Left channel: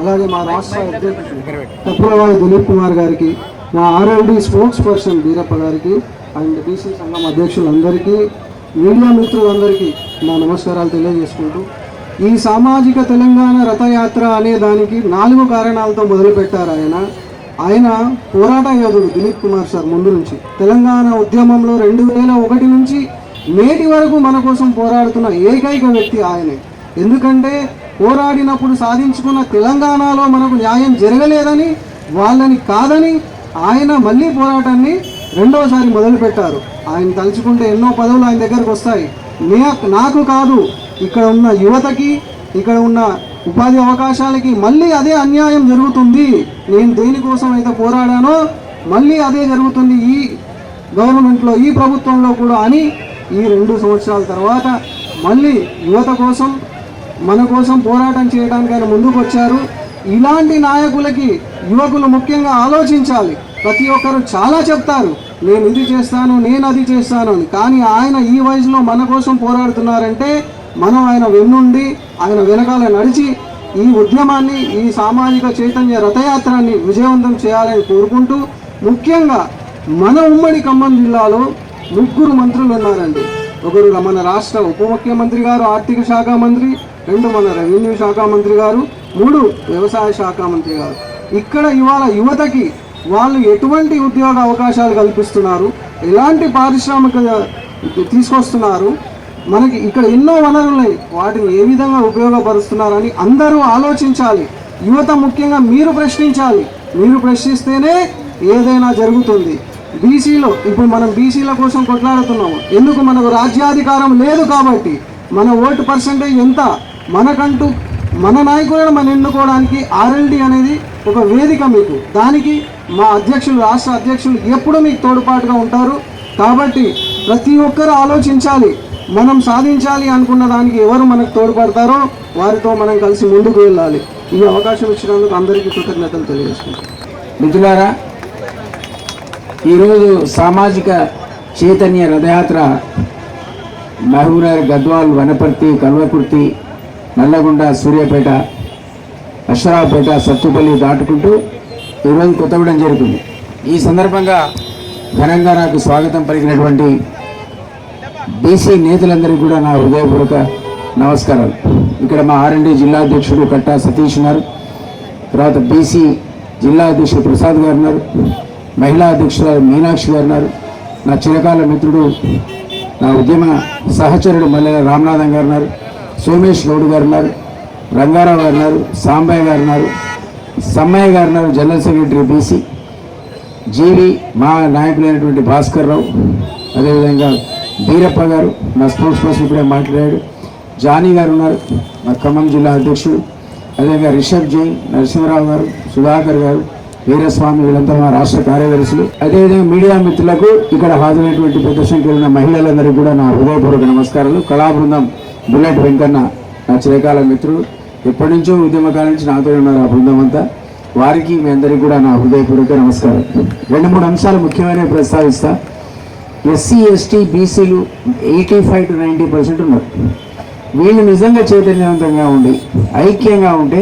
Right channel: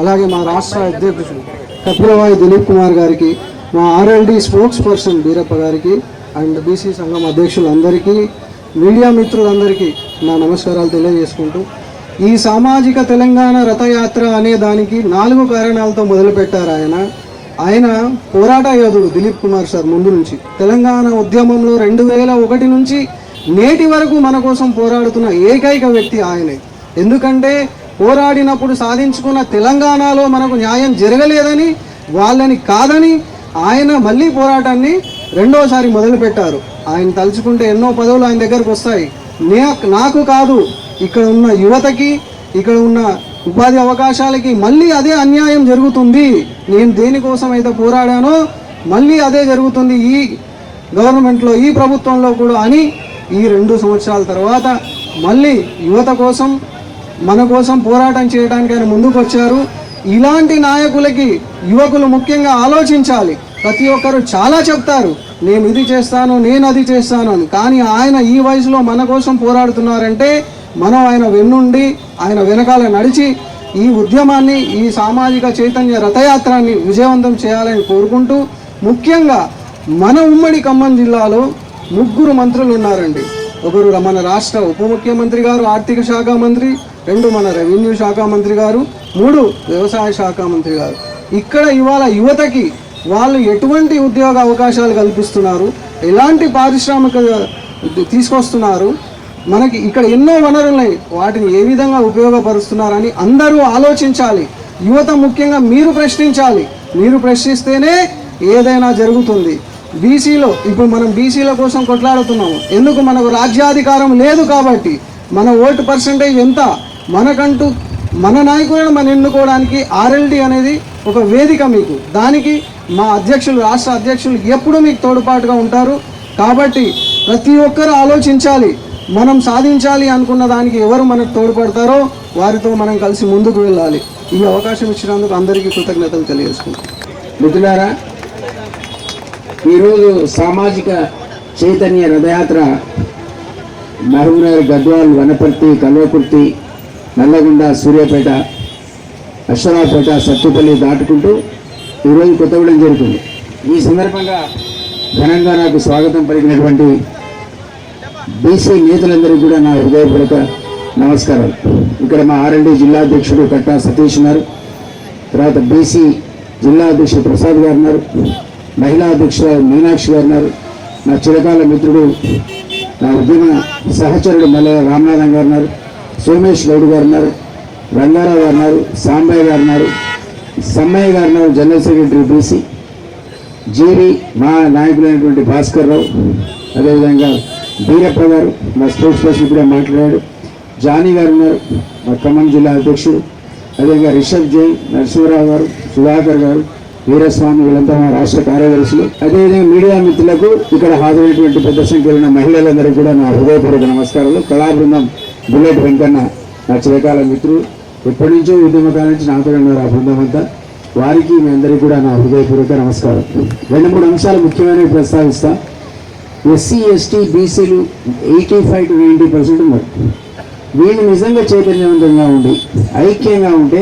అలాగే మా రాష్ట్ర అధ్యక్షుడు తప్పులవాయి దిలీప్ కుమార్ గారికి, మా ఆర్ఎల్డి స్పోక్స్ పర్సన్ బీరప్ప గారికి అండ్ బీసీ సంఘం అధ్యక్షులందరికీ, మీడియా మిత్రులందరికీ నా నమస్కారాలు తెలియజేసుకుంటూ, ఈ సామాజిక తెలంగాణ రథయాత్ర అనే దానికి 4 కారణాలతో మొదలుపెట్టారు ఆయన పోరాట యోధుడు దిలీప్ కుమార్ సార్. ముందు నుంచి తెలంగాణ ఉద్యమంలో 2001 నుంచి నేటి వరకు మన కోసం పోరాడుతున్న ఏకైక వ్యక్తి ఆయనే. ఎందుకంటే పోరాడినప్పుడు సాధించుకున్న తెలంగాణలో మనకు న్యాయం జరగలేదని, వాళ్ళని కాదని ఆయన మళ్ళీ పోరాటాన్ని రెండోసారి మొదలుపెట్టారు. ఆయన తలుచుకుంటే ఎన్నో పదవులు ఆయన దగ్గరకు వస్తాయి. నాకు కాదు, ఇక్కడ ఉన్న యువతకి, ఇక్కడ ఉన్న ఉపాధి అవకాశాలకి మళ్ళీ అదే అన్యాయం జరుగుతుంది. నేను దేనికోసం అయితే పోరాడానో మళ్ళీ అదే జరుగుతుంది ఈ గవర్నమెంట్లో, ఈ ప్రభుత్వంలో కూడా అని ఈ 2 సంవత్సరాల తర్వాత మళ్ళీ యువత కోసం, మన కోసం పోరాటం చేయడానికి ఆయన ముందుకు వచ్చారు. ఇలాంటి నాయకులకి యువకులు ముఖ్యంగా ఆలోచించాలి. ప్రతి ఒక్కరు చాలా చెప్తారు, నేను ఇది చేస్తాను, నేను అది చేస్తాను అని. కానీ ఆయన ఈ వయసులో మన కోసం పోరాడుతున్నారంటే మనం ఆయన వెన్నుండి, ఆయన వెనకాల నడిచి ఈ ఉద్యమాన్ని, ఈ సామాజిక చైతన్య రథయాత్రాన్ని విజయవంతం చేయాలని కోరుకుంటూ, ముఖ్యంగా మన ఉమ్మడి ఖమ్మం జిల్లాలో 3 మంత్రులు ఉన్నారండి. ఒకరు మన రాష్ట్ర ఉప ముఖ్యమంత్రి గారు, ఆర్థిక శాఖ మంత్రి, 2 మన రెవెన్యూ శాఖ మంత్రి గారు, 3 వ్యవసాయ శాఖ మంత్రి గారు. ఇక్కడ ఇవాళ యువతకి వాళ్ళు ఎటువంటి ఉద్యోగ అవకాశాలు కల్పిస్తున్నారు, ఎలాంటి పారిశ్రామిక తీసుకొస్తున్నారు, మనకి ఇక్కడ ఎన్నో వనరులు ఉన్నాయి, వాటిని ఏ విధంగా ఉపయోగపరుస్తున్నారని అందరూ ఆలోచించాలి. యువత ముఖ్యంగా మీరు ప్రశ్నించాలి. మీరు ప్రశ్నిస్తేనే ఏదైనా జరుగుతుంది. బీసీలో ఇప్పుడు మనం బీసీల కోసం కొట్లాడుతున్నాము. ఎందుకు? మనకు రాజ్యాధికారం లేదు కాబట్టి. మన ఓటు పర్సెంటేజ్ ఎంత, మనకంటూ మన నాయకులను మనం ఎన్నుకోవడానికి ఆర్ఎల్డి అనేది ఒక వేదిక మీకు. దానికి మా అధ్యక్షులు, రాష్ట్ర అధ్యక్షులు ఎప్పుడూ మీకు తోడ్పాటుగా ఉంటారు. కాబట్టి ప్రతి ఒక్కరూ ఆలోచించాలి. మనం సాధించాలి అనుకున్న దానికి ఎవరు మనకు తోడ్పడతారో వారితో మనం కలిసి ముందుకు వెళ్ళాలి. ఈ అవకాశం ఇచ్చినందుకు అందరికీ కృతజ్ఞతలు తెలియజేసుకుంటాం. మిత్రులారా, ఈరోజు సామాజిక చైతన్య రథయాత్ర మహబూబ్నగర్, గద్వాల్, వనపర్తి, కల్వకుర్తి, నల్లగొండ, సూర్యాపేట, అశ్వరావుపేట, సత్తుపల్లి దాటుకుంటూ ఈరోజు కొత్తగూడెం జరుగుతుంది. ఈ సందర్భంగా ఘనంగా నాకు స్వాగతం పలికినటువంటి బీసీ నేతలందరికీ కూడా నా హృదయపూర్వక నమస్కారాలు. ఇక్కడ మా ఆర్ఎల్డి జిల్లా అధ్యక్షుడు కట్టా సతీష్ ఉన్నారు, తర్వాత బీసీ జిల్లా అధ్యక్షుడు ప్రసాద్ గారు ఉన్నారు, మహిళా అధ్యక్షురాలు మీనాక్షి గారు ఉన్నారు, నా చిరకాల మిత్రుడు, నా ఉద్యమ సహచరుడు మల్లె రామనాథన్ గారు ఉన్నారు, సోమేష్ గౌడ్ గారు ఉన్నారు, రంగారావు గారు ఉన్నారు, సాంబయ్య గారు ఉన్నారు, సమ్మయ్య గారు ఉన్నారు, జనరల్ సెక్రటరీ బీసీ, జీవి మా నాయకులైనటువంటి భాస్కర్ రావు, అదేవిధంగా బీరప్ప గారు నా స్పోర్ట్స్ పర్సన్ ఇప్పుడే మాట్లాడాడు, జానీ గారు ఉన్నారు, మా ఖమ్మం జిల్లా అధ్యక్షుడు, అదేవిధంగా రిషబ్ జైన్, నరసింహరావు గారు, సుధాకర్ గారు, వీరస్వామి, వీళ్ళంతా మా రాష్ట్ర కార్యదర్శులు. అదేవిధంగా మీడియా మిత్రులకు, ఇక్కడ హాజరైనటువంటి పెద్ద సంఖ్యలో ఉన్న మహిళలందరికీ కూడా నా హృదయపూర్వక నమస్కారాలు. కళాబృందం, బుల్లెట్ వెంకన్న నా చిరకాల మిత్రులు, ఎప్పటి నుంచో ఉద్యమకాల నుంచి నాతో ఉన్నారు ఆ బృందం అంతా. వారికి మీ అందరికీ కూడా నా హృదయపూర్వక నమస్కారం. 2-3 అంశాలు ముఖ్యమైనవి ప్రస్తావిస్తా. ఎస్సీ, ఎస్టీ, బీసీలు 85 to 90% ఉన్నారు. వీళ్ళు నిజంగా చైతన్యవంతంగా ఉండి ఐక్యంగా ఉంటే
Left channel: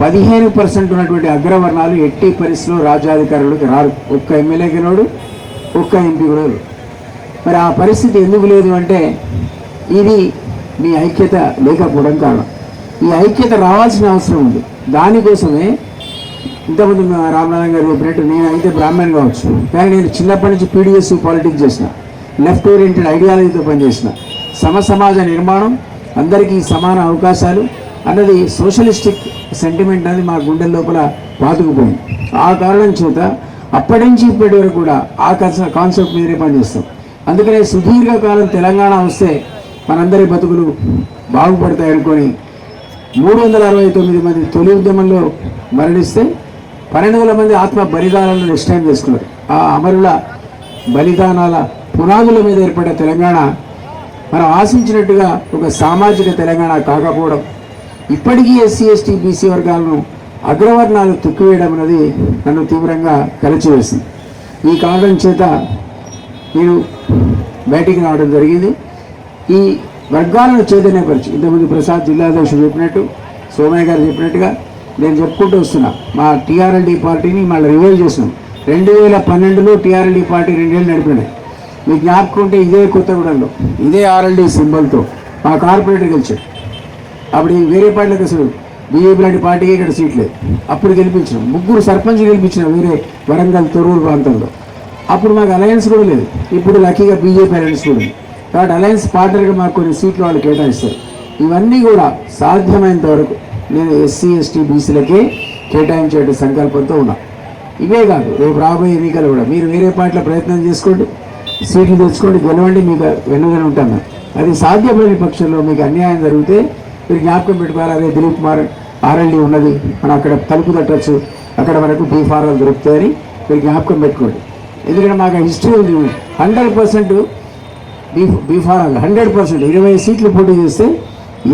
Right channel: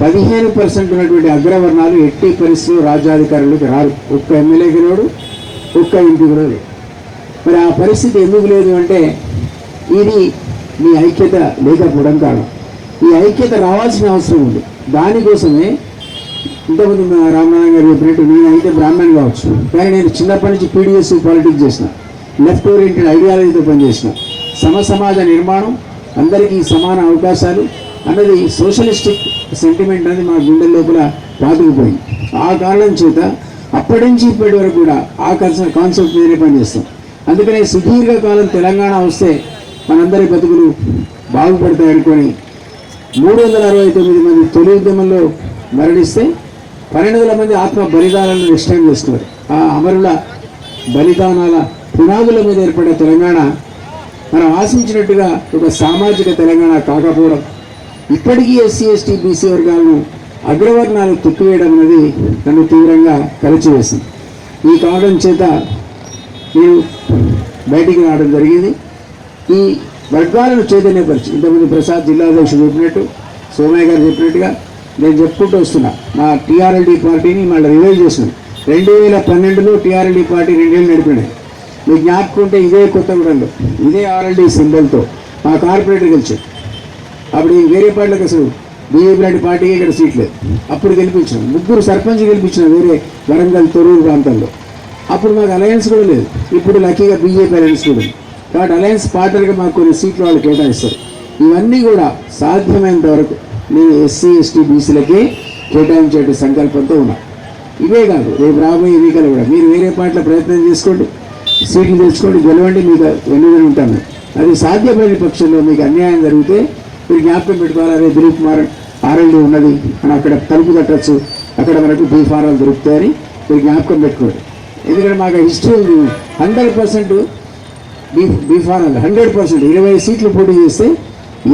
15% ఉన్నటువంటి అగ్రవర్ణాలు ఎట్టి పరిస్థితుల్లో రాజ్యాధికారులకు రారు. ఒక్క ఎమ్మెల్యే గెలవడు, ఒక్క ఎంపీ గెలవడు. మరి ఆ పరిస్థితి ఎందుకు లేదు అంటే ఇది మీ ఐక్యత లేకపోవడం కారణం. ఈ ఐక్యత రావాల్సిన అవసరం ఉంది. దానికోసమే ఇంతమంది రామనాథన్ గారు చెప్పినట్టు నేనైతే బ్రాహ్మణ్ కావచ్చు, కానీ నేను చిన్నప్పటి నుంచి పీడిఎస్ పాలిటిక్స్ చేసిన, లెఫ్ట్ ఓరియంటెడ్ ఐడియాలజీతో పనిచేసిన, సమాజ నిర్మాణం, అందరికీ సమాన అవకాశాలు అన్నది సోషలిస్టిక్ సెంటిమెంట్ అనేది మా గుండె లోపల పాతుకుపోయింది. ఆ కారణం చేత అప్పటి నుంచి ఇప్పటి వరకు కూడా ఆ కాన్సెప్ట్ మీదే పనిచేస్తాం. అందుకనే సుదీర్ఘకాలం తెలంగాణ వస్తే మనందరి బతుకులు బాగుపడతాయి అనుకొని 369 మంది తొలి ఉద్యమంలో మరణిస్తే 12,000 మంది ఆత్మ బలిదానాలను నిశ్చయం చేసుకున్నారు. ఆ అమరుల బలిదానాల పునాదుల మీద ఏర్పడే తెలంగాణ మనం ఆశించినట్టుగా ఒక సామాజిక తెలంగాణ కాకపోవడం, ఇప్పటికీ ఎస్సీ, ఎస్టీ, బీసీ వర్గాలను అగ్రవర్ణాలు తొక్కివేయడం అనేది నన్ను తీవ్రంగా కలిచివేసింది. ఈ కారణం చేత నేను బయటికి రావడం జరిగింది. ఈ వర్గాలను చైతన్యపరిచి ఇంతకుముందు ప్రసాద్ జిల్లా అధ్యక్షుడు చెప్పినట్టు, సోమయ్య గారు చెప్పినట్టుగా నేను చెప్పుకుంటూ వస్తున్నా. మా టీఆర్ఎల్డీ పార్టీని మళ్ళీ రివైవ్ చేసాం. 2012లో టీఆర్ఎల్డీ పార్టీ 2 ఏళ్ళు నడిపినాయి. మీకు జ్ఞాపకం ఉంటే ఇదే కొత్తగూడెంలో ఇదే ఆర్ఎల్డీ సింబల్తో మా కార్పొరేటర్ గెలిచాడు. అప్పుడు వేరే పార్టీలకు అసలు బీజేపీ లాంటి పార్టీకి ఇక్కడ సీట్ లేదు. అప్పుడు గెలిపించాం, 3 సర్పంచ్ గెలిపించినాం వేరే వరంగల్ తొర్రూరు ప్రాంతంలో. అప్పుడు మాకు అలయన్స్ కూడా లేదు. ఇప్పుడు లక్కీగా బీజేపీ అలయన్స్ కూడా ఉంది. కాబట్టి అలయన్స్ పార్ట్నర్గా మాకు కొన్ని సీట్లు వాళ్ళు కేటాయిస్తారు. ఇవన్నీ కూడా సాధ్యమైనంత వరకు నేను ఎస్సీ ఎస్టీ బీసీలకే కేటాయించే సంకల్పంతో ఉన్నా. ఇవే కాదు, రేపు రాబోయే ఎన్నికలు కూడా మీరు వేరే పార్టీలో ప్రయత్నం చేసుకోండి, సీట్లు తెచ్చుకోండి, గెలవండి, మీకు వెన్నుదల ఉంటాను. అది సాధ్యమైన పక్షంలో మీకు అన్యాయం జరిగితే మీరు జ్ఞాపకం పెట్టుకోవాలి. అదే దిలీప్ కుమార్ ఆర్ఎల్డీ ఉన్నది, మనం అక్కడ తలుపు తట్టచ్చు, అక్కడ మనకు బీఫారాలు దొరుకుతాయని మీరు జ్ఞాపకం పెట్టుకోండి. ఎందుకంటే మాకు హిస్టరీ ఉంది. 100% బీఫారాలు 100% 20 సీట్లు పోటీ చేస్తే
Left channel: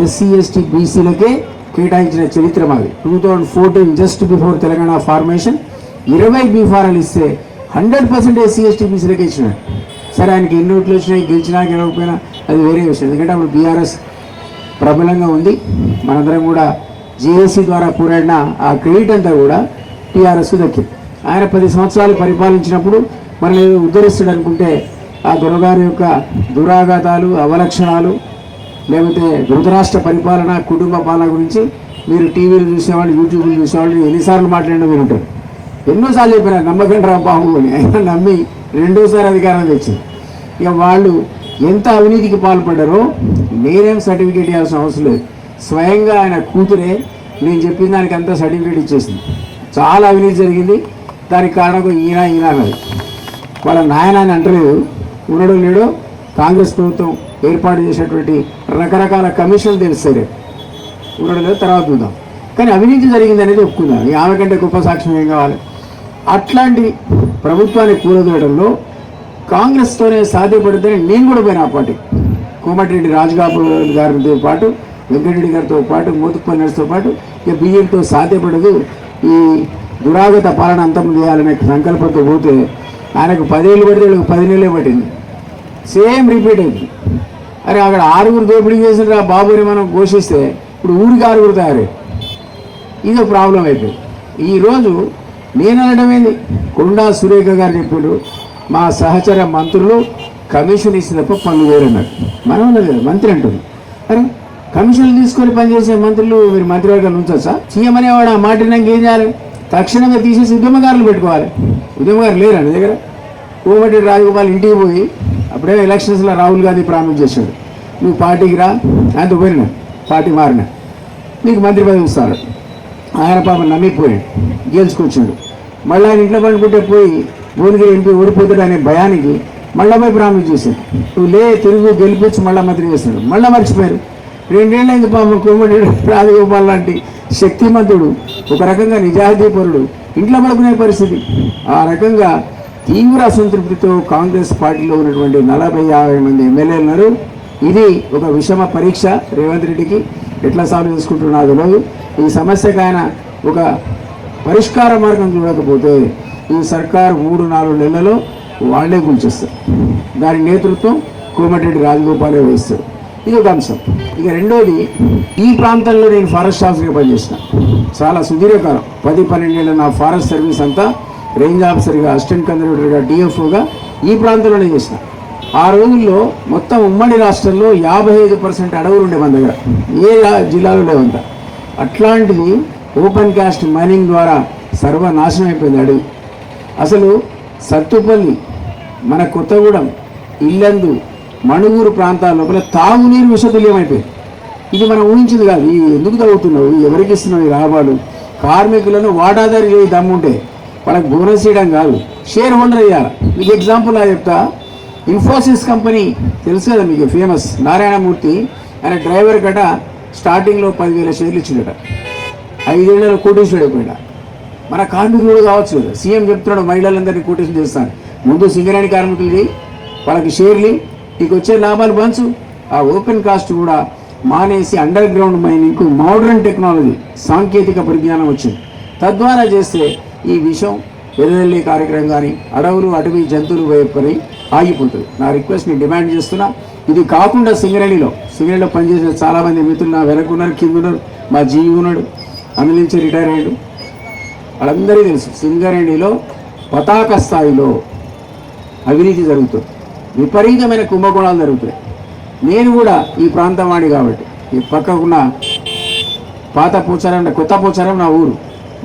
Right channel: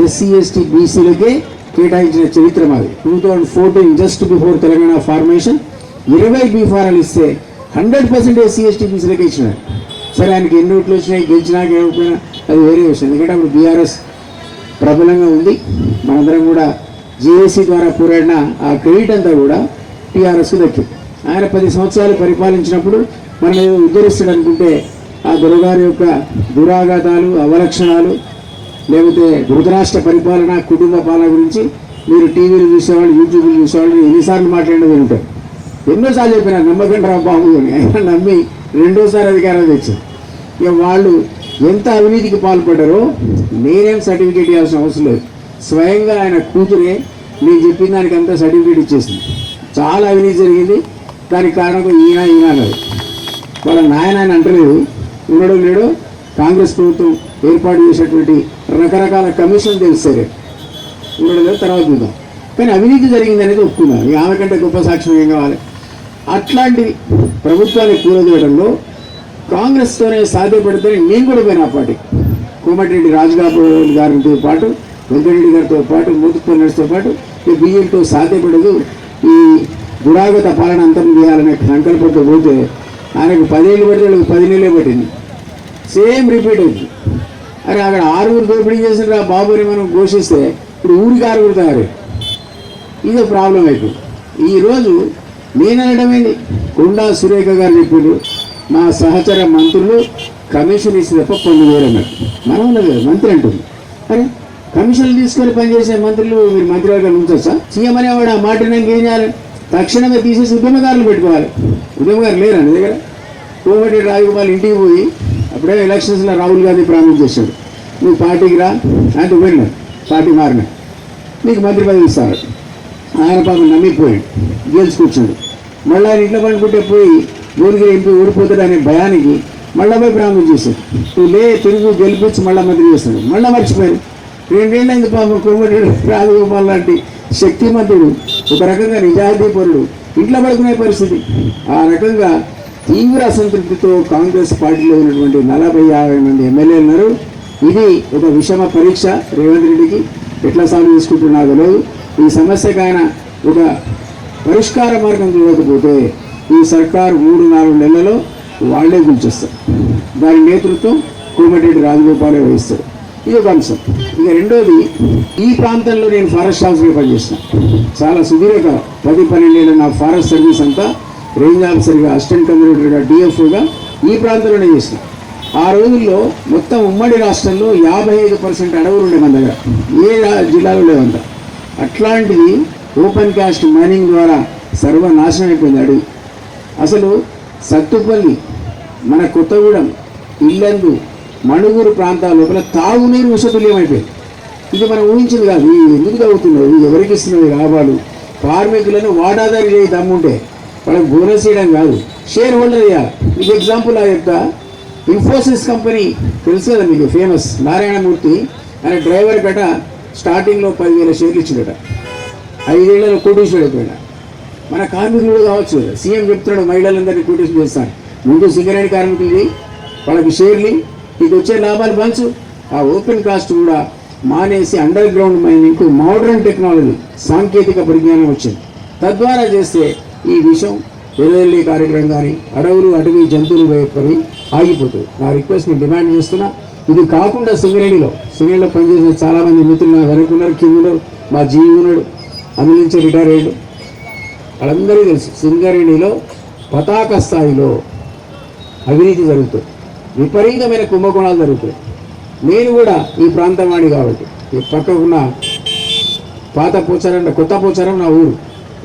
ఎస్సీ ఎస్టీ బీసీలకే కేటాయించిన చరిత్ర మాది. 2014 జస్ట్ బిఫోర్ తెలంగాణ ఫార్మేషన్ 20 బీఫారాలు ఇస్తే 100% ఎస్సీ ఎస్టీ బీసీలకే ఇచ్చినాడు. సరే, ఆయనకి ఎన్ని ఓట్లు వచ్చినాయి, గెలిచినా గెలవకపోయినా అది వేరే విషయం. ఎందుకంటే అప్పుడు బీఆర్ఎస్ ప్రబలంగా ఉంది. మనందరం కూడా జేఏసీ ద్వారా పోరాడిన ఆ క్రెడిట్ అంతా కూడా టీఆర్ఎస్కు దక్కింది. ఆయన 10 సంవత్సరాలు పరిపాలించినప్పుడు మనం ఉద్ధరిస్తాడు అనుకుంటే ఆ దొరగారి యొక్క దురాఘాతాలు, అవలక్షణాలు, లేకపోతే ధృతరాష్ట్ర పరిపాలన, కుటుంబ పాలన గురించి మీరు టీవీలు చూసేవాళ్ళు, యూట్యూబ్లు చూసేవాళ్ళు ఎన్నిసార్లు మాట్లాడినా మీరు ఉంటారు. ఎన్నోసార్లు చెప్పినా నమ్మకండి బాబు అని. ఆయన నమ్మి 2వ అధికారం తెచ్చింది. ఇక వాళ్ళు ఎంత అవినీతికి పాల్పడ్డారో నేనేం సర్టిఫికేట్ ఇవ్వాల్సిన అవసరం లేదు. స్వయంగా ఆయన కూతురే నేను చెప్పిన దానికి అంతా సర్టిఫికేట్ ఇచ్చేసింది. చాలా అవినీతి జరిగింది, దానికి కారణం ఈయన అన్నది. వాళ్ళ నాయన అని అంటలేదు, ఉన్నాడో లేడో కాంగ్రెస్ ప్రభుత్వం ఏర్పాటు చేసినటువంటి రకరకాల కమిషన్లు తెలుస్తాయి, ఉన్నాడో లేదో తర్వాత చూద్దాం. కానీ అవినీతి జరిగింది అనేది ఒప్పుకుందాం. ఆమె కంటే గొప్ప సాక్ష్యం ఏం కావాలి? అట్లాంటి ప్రభుత్వాన్ని కూరదోయడంలో కాంగ్రెస్తోనే సాధ్యపడితే నేను కూడా పోయిన ఆ పార్టీ కోమటిరెడ్డి రాజగోపాల్ గారితో పాటు, వెంకటరెడ్డి గారితో పాటు, మోతుపల్లి నర్సుతో పాటు ఇక బియ్యంతో సాధ్యపడదు. ఈ దురాగత పాలన అంతం చేయాలనే సంకల్పంతో పోతే ఆయనకు 10 ఏళ్ళు పడితే 10 నెలలే పట్టింది. సేమ్ రిపీట్ అయింది. అరే అక్కడ 6 దోపిడీ చేసిన ఆ బాబుని మనం ఘోషిస్తే ఇప్పుడు ఊరికి 6 తయారై ఇదో ప్రాబ్లం అయిపోయింది. ఈరోజు నేను అనడమేంది, కొండా సురేఖ గారు చెప్పారు మా సహచర మంత్రులు కమిషన్ ఇచ్చినప్పుడు పనులు వేరన్నారు. మనం ఉన్నది కదా మంత్రి అంటుంది. అరే కమిషన్లు తీసుకొని పనిచేసే మంత్రులు మీరు మంత్రివర్గాలు ఉంచొచ్చా? సీఎం అనేవాడు ఆ మాట నాకు ఏం చేయాలి? తక్షణంగా తీసేసి ఉద్యమకారులు పెట్టుకోవాలి. ఉద్యమకారులు లేరండి దగ్గర. కోమటిరెడ్డి రాజగోపాల్ ఇంటికి పోయి అప్పుడే ఎలక్షన్స్లో రాహుల్ గాంధీ ప్రామిస్ చేశాడు, నువ్వు పార్టీకి రా, ఆయనతో పోయిన పార్టీ మారిన నీకు మంత్రి పదవి ఇస్తాడు. ఆయన పాపం నమ్మిపోయాడు, గెలుచుకొచ్చాడు. మళ్ళీ ఆయన ఇంట్లో పండుకుంటే పోయి భువనగిరి ఎంపీ ఓడిపోతాడు అనే భయానికి మళ్ళీ పోయి ప్రామిస్ చేశాడు, నువ్వు తిరుగు గెలిపించి మళ్ళీ మంత్రి చేస్తాడు. మళ్ళీ మర్చిపోయారు. 2 ఏళ్ళ ఇంక పాపం కోమటిరెడ్డి రాజగోపాల్ లాంటి శక్తిమంతుడు, ఒక రకంగా నిజాయితీపరుడు ఇంట్లో పడుకునే పరిస్థితి. ఆ రకంగా తీవ్ర అసంతృప్తితో కాంగ్రెస్ పార్టీలో ఉన్నటువంటి 40-50 మంది ఎమ్మెల్యేలు ఉన్నారు. ఇది ఒక విషమ పరీక్ష. రేవంత్ రెడ్డికి ఎట్లా సాల్వ్ చేసుకుంటున్నా తెలియదు. ఈ సమస్యకు ఆయన ఒక పరిష్కార మార్గం చూడకపోతే ఈ సర్కారు 3-4 నెలలలో వాళ్లే కూల్చేస్తారు. దాని నేతృత్వం కోమటిరెడ్డి రాజగోపాలే వహిస్తారు. ఇది ఒక అంశం. ఇక రెండోది, ఈ ప్రాంతంలో నేను ఫారెస్ట్ ఆఫీసర్గా పనిచేసిన చాలా సుదీర్ఘకాలం 10-12 ఏళ్ళ నా ఫారెస్ట్ సర్వీస్ అంతా రేంజ్ ఆఫీసర్గా, అసిస్టెంట్ కన్జర్వేటర్గా, డిఎఫ్ఓగా ఈ ప్రాంతంలోనే చేసిన. ఆ రోజుల్లో మొత్తం ఉమ్మడి రాష్ట్రంలో 55% అడవులు ఉండే మన దగ్గర, ఏ జిల్లాలో లేవంట. అట్లాంటిది ఓపెన్ కాస్ట్ మైనింగ్ ద్వారా సర్వనాశనం అయిపోయింది అడవి. అసలు సత్తుపల్లి, మన కొత్తగూడెం, ఇల్లందు, మణుగూరు ప్రాంతాల లోపల తాగునీరు విషతుల్యం అయిపోయింది. ఇది మనం ఊహించింది కాదు. ఎందుకు తాగుతున్నావు, ఎవరికి ఇస్తున్నావు ఈ లాభాలు? కార్మికులను వాటాదారు చేయి దమ్ముంటే వాళ్ళకి బోనస్ ఇవ్వడం కాదు, షేర్ హోల్డర్ చేయాలి. మీకు ఎగ్జాంపుల్ చెప్తా. ఇన్ఫోసిస్ కంపెనీ తెలుసు కదా మీకు, ఫేమస్ నారాయణమూర్తి. ఆయన డ్రైవర్ గట స్టార్టింగ్లో 10,000 షేర్లు ఇచ్చిందట. 5 ఏళ్లలో కోటీశ్వరుడు అయిపోయినా. మన కార్మికులు కూడా కావచ్చు కదా. సీఎం చెప్తున్నాడు మహిళలందరినీ కోటేషన్ చేస్తాను. ముందు సింగరేణి కార్మికులు చేయి, వాళ్ళకి షేర్లు, నీకు వచ్చే లాభాలు పంచు. ఆ ఓపెన్ కాస్ట్ కూడా మానేసి అండర్ గ్రౌండ్ మైనింగ్కు మోడర్న్ టెక్నాలజీ, సాంకేతిక పరిజ్ఞానం వచ్చింది. తద్వారా చేస్తే ఈ విషయం ఎర్రదల్లి కార్యక్రమం కానీ అడవులు, అటవీ జంతువులు పని ఆగిపోతుంది. నా రిక్వెస్ట్ నేను డిమాండ్ చేస్తున్నా. ఇది కాకుండా సింగరేణిలో పనిచేసే చాలామంది మిత్రులు నా వెనక్కున్నారు, కింద ఉన్నారు, మా జీవి ఉన్నాడు. నుంచి రిటైర్ అయ్యాడు. వాళ్ళందరికీ తెలుసు సింగరేణిలో పతాక స్థాయిలో అవినీతి జరుగుతుంది, విపరీతమైన కుంభకోణాలు జరుగుతాయి. నేను కూడా ఈ ప్రాంతం వాడి కాబట్టి ఈ పక్కకున్న పాత పోచారం కొత్త పోచారం నా ఊరు,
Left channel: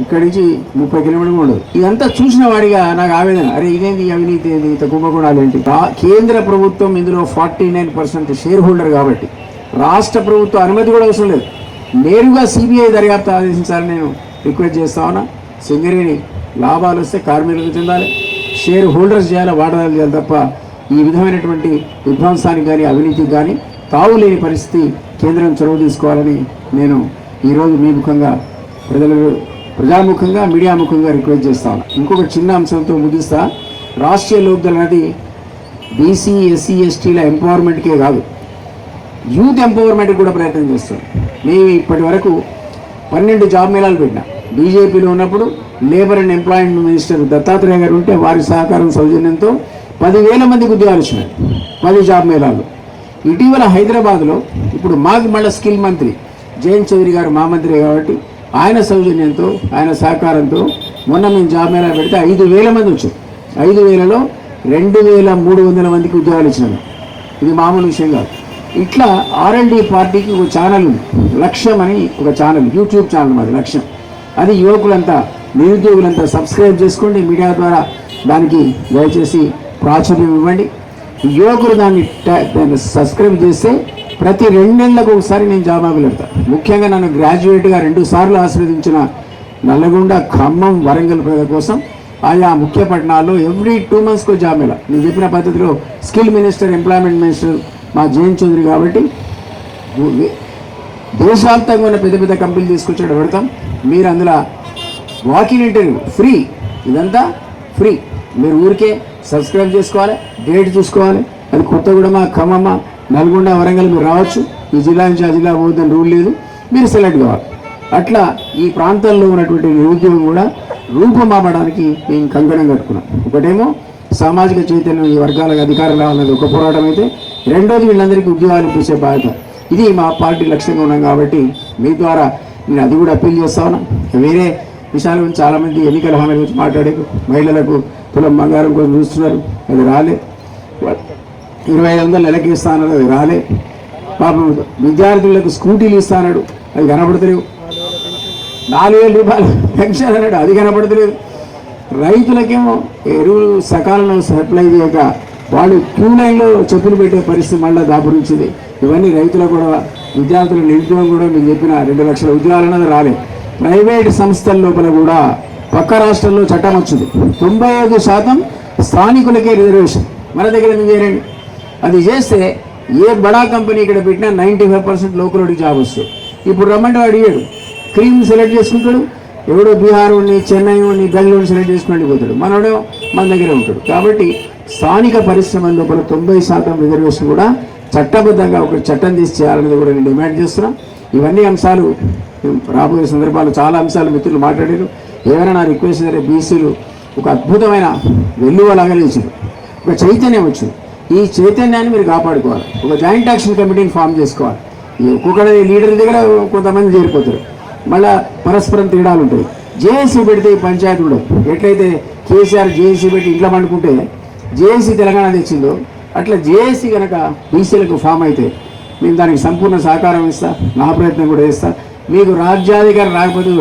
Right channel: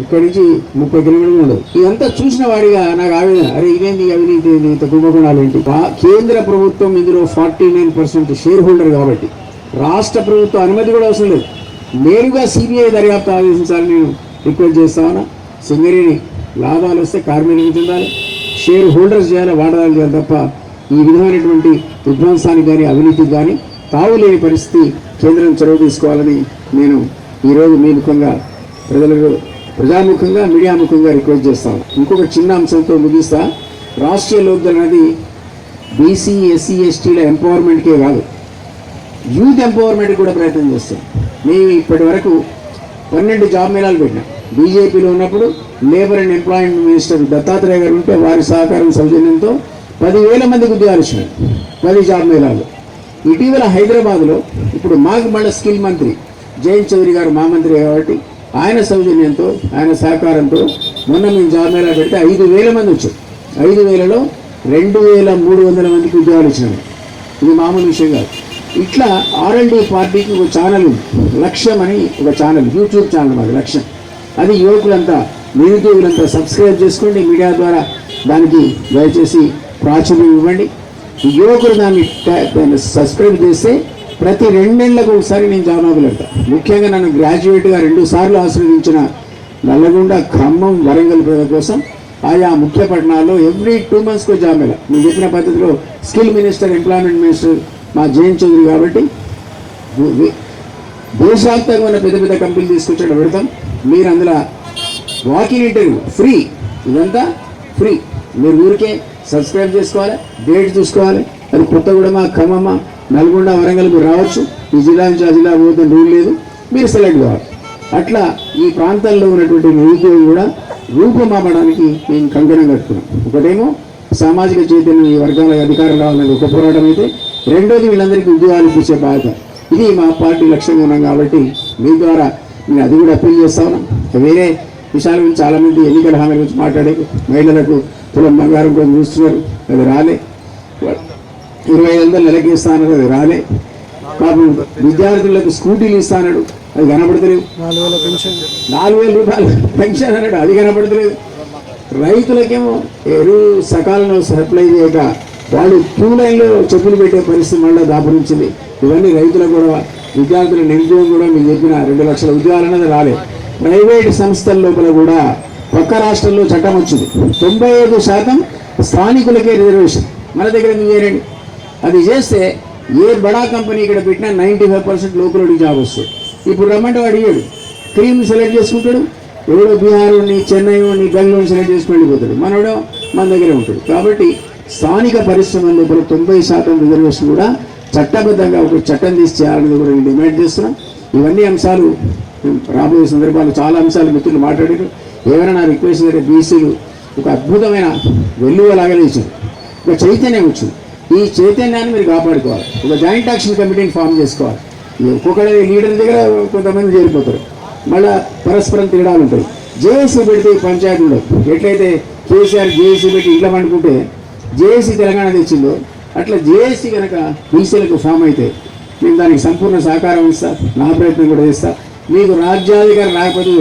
ఇక్కడి నుంచి 30 కిలోమీటర్లు ఉండదు. ఇదంతా చూసిన వాడిగా నాకు ఆవేదన, అరే ఇదేంటి అవినీతి, ఇంత కుంభకోణాలు ఏంటి. కేంద్ర ప్రభుత్వం ఇందులో 49% షేర్ హోల్డర్ కాబట్టి రాష్ట్ర ప్రభుత్వం అనుమతి కూడా అవసరం లేదు. నేరుగా సిబిఐ దర్యాప్తు ఆదేశించాలని నేను రిక్వెస్ట్ చేస్తా ఉన్నా. సింగరేణి లాభాలు వస్తే కార్మికులకు చెందాలి, షేర్ హోల్డర్స్ చేయాలి, వాడదాలు చేయాలి తప్ప ఈ విధమైనటువంటి విధ్వంసానికి కానీ అవినీతికి కానీ తావులేని పరిస్థితి కేంద్రం చొరవ తీసుకోవాలని నేను ఈరోజు మీ ముఖంగా ప్రజాముఖంగా మీడియా ముఖంగా రిక్వెస్ట్ చేస్తాను. ఇంకొక చిన్న అంశంతో ముగిస్తా. రాష్ట్రీయ లోక్దళ్ అనేది బీసీ ఎస్సీ ఎస్టీల ఎంపవర్మెంట్కే కాదు, యూత్ ఎంపవర్మెంట్ కూడా ప్రయత్నం చేస్తాం. మేము ఇప్పటి వరకు 12 జాబ్ మేళాలు పెట్టినాం. బీజేపీలో ఉన్నప్పుడు labour and employment minister Dattatreya గారు ఉంటే వారి సహకారం సౌజన్యంతో 10,000 మందికి ఉద్యోగాలు ఇచ్చినారు 10 జాబ్ మేళాలు. ఇటీవల హైదరాబాద్లో ఇప్పుడు మాకు మళ్ళీ స్కిల్ మంత్రి జయంత్ చౌదరి గారు మా మంత్రి కాబట్టి ఆయన సౌజన్యంతో ఆయన సహకారంతో మొన్న మేము జాబ్ మేళా పెడితే 5,000 మంది వచ్చారు. 5,000లో 2,300 మందికి ఉద్యోగాలు ఇచ్చినారు. ఇది మామూలు విషయం కాదు. ఇట్లా R&D పార్టీకి ఒక ఛానల్ ఉంది, లక్ష్యం అని ఒక ఛానల్, యూట్యూబ్ ఛానల్ మాది లక్ష్యం. అది యువకులంతా నిరుద్యోగులంతా సబ్స్క్రైబ్ చేసుకోండి. మీడియా ద్వారా దానికి దయచేసి ప్రాచుర్యం ఇవ్వండి. యువకులు దాన్ని సబ్స్క్రైబ్ చేస్తే ప్రతి 2 నెలలకు ఒకసారి నేను జాబ్ పెడతాను. ముఖ్యంగా నన్ను గ్రాడ్యుయేట్గా 2 సార్లు ఆశీర్వదించిన నల్లగొండ, ఖమ్మం, వరంగల్ ప్రజల కోసం ఆయా ముఖ్య పట్టణాల్లో ఎవ్రీ 2 monthsకు జాబ్ మేళా. నేను చెప్పిన పద్ధతిలో స్కిల్ మినిస్టర్, ఎంప్లాయ్మెంట్ మినిస్టర్ మా జయంత్ చౌదరి కాబట్టి దేశవ్యాప్తంగా ఉన్న పెద్ద పెద్ద కంపెనీలు తీసుకొచ్చాడు పెడతాం. మీరు అందులో వాకింగ్ ఇంటర్వ్యూ ఫ్రీ, ఇదంతా ఫ్రీ. మీరు ఊరికే సబ్స్క్రైబ్ చేసుకోవాలి, డేట్ చూసుకోవాలి. అది కొత్తగూడెం, ఖమ్మం, నల్గొండ, వరంగల్ మీరు రావచ్చు. ఈ జిల్లా నుంచి ఆ జిల్లా పోదని రూల్ లేదు, మీరు సెలెక్ట్ కావాలి. అట్లా ఈ ప్రాంతాల్లో ఉన్నటువంటి నిరుద్యోగం కూడా రూపమాపడానికి మేము కంకణం కట్టుకున్నాం. ఒకటేమో సామాజిక చైతన్యం, ఈ వర్గాలకు అధికారం రావాలనేది ఒక పోరాటం అయితే, రెండోది వీళ్ళందరికీ ఉద్యోగాలు ఇప్పించే బాధ్యత. ఇది మా పార్టీ లక్ష్యంగా ఉన్నాం కాబట్టి మీ ద్వారా నేను అది కూడా అప్పీల్ చేస్తా ఉన్నా. వేరే విషయాల గురించి చాలామంది ఎన్నికల హామీల గురించి మాట్లాడే, మహిళలకు తులం బంగారం కోసం చూస్తున్నారు, అది రాలే. 2,500 నెలకి ఇస్తానన్నాడు, అది రాలే. పాపం విద్యార్థులకు స్కూటీలు ఇస్తానన్నాడు, అది కనపడతలేవు. 4,000 రూపాయలు పెన్షన్ అన్నాడు, అది కనపడతలేదు. రైతులకేమో ఎరువులు సకాలంలో సప్లై చేయక వాళ్ళు క్యూ లైన్లో చెప్పులు పెట్టే పరిస్థితి మళ్ళీ దాపురించింది. ఇవన్నీ రైతుల కూడా, విద్యార్థుల నిరుద్యోగం కూడా మీరు చెప్పిన 2 లక్షల ఉద్యోగాలు అన్నది రాలే. ప్రైవేట్ సంస్థల లోపల కూడా పక్క రాష్ట్రాల్లో చట్టం వచ్చింది, 95% స్థానికులకే రిజర్వేషన్. మన దగ్గర ఎందుకు చేయండి? అది చేస్తే ఏ బడా కంపెనీ ఇక్కడ పెట్టినా 95% లోకల్లోకి జాబ్ వస్తుంది. ఇప్పుడు రమ్మంటే అడిగాడు, క్రీమ్ సెలెక్ట్ చేసుకుంటాడు, ఎవడో బీహార్ వాడిని, చెన్నై వాడిని, బెంగళూరు సెలెక్ట్ చేసుకుని వెళ్ళిపోతాడు, మనోడో మన దగ్గర ఉంటాడు. కాబట్టి స్థానిక పరిశ్రమల లోపల 90% రిజర్వేషన్ కూడా చట్టబద్ధంగా ఒక చట్టం తీసి చేయాలనేది కూడా నేను డిమాండ్ చేస్తున్నాం. ఇవన్నీ అంశాలు రాబోయే సందర్భాలు చాలా అంశాలు మిత్రులు మాట్లాడారు. ఏమైనా నా రిక్వెస్ట్ సరే, బీసీలు ఒక అద్భుతమైన వెల్లువలాగా లేచారు, ఒక చైతన్యం వచ్చింది. ఈ చైతన్యాన్ని మీరు కాపాడుకోవాలి. ఒక జాయింట్ యాక్షన్ కమిటీని ఫామ్ చేసుకోవాలి. ఒక్కొక్కరి లీడర్ దగ్గర కొంతమంది చేరిపోతారు, మళ్ళీ పరస్పరం తేడాలు ఉంటాయి. జేఏసీ పెడితే ఈ పంచాయతీ ఉండదు. ఎట్లయితే కేసీఆర్ జేఏసీ పెట్టి ఇంట్లో పండుకుంటే జేఏసీ తెలంగాణ తెచ్చిందో, అట్లా జేఏసీ కనుక బీసీలకు ఫామ్ అయితే నేను దానికి సంపూర్ణ సహకారం ఇస్తా, నా ప్రయత్నం కూడా చేస్తా. మీకు రాజ్యాధికారం రాకపోతే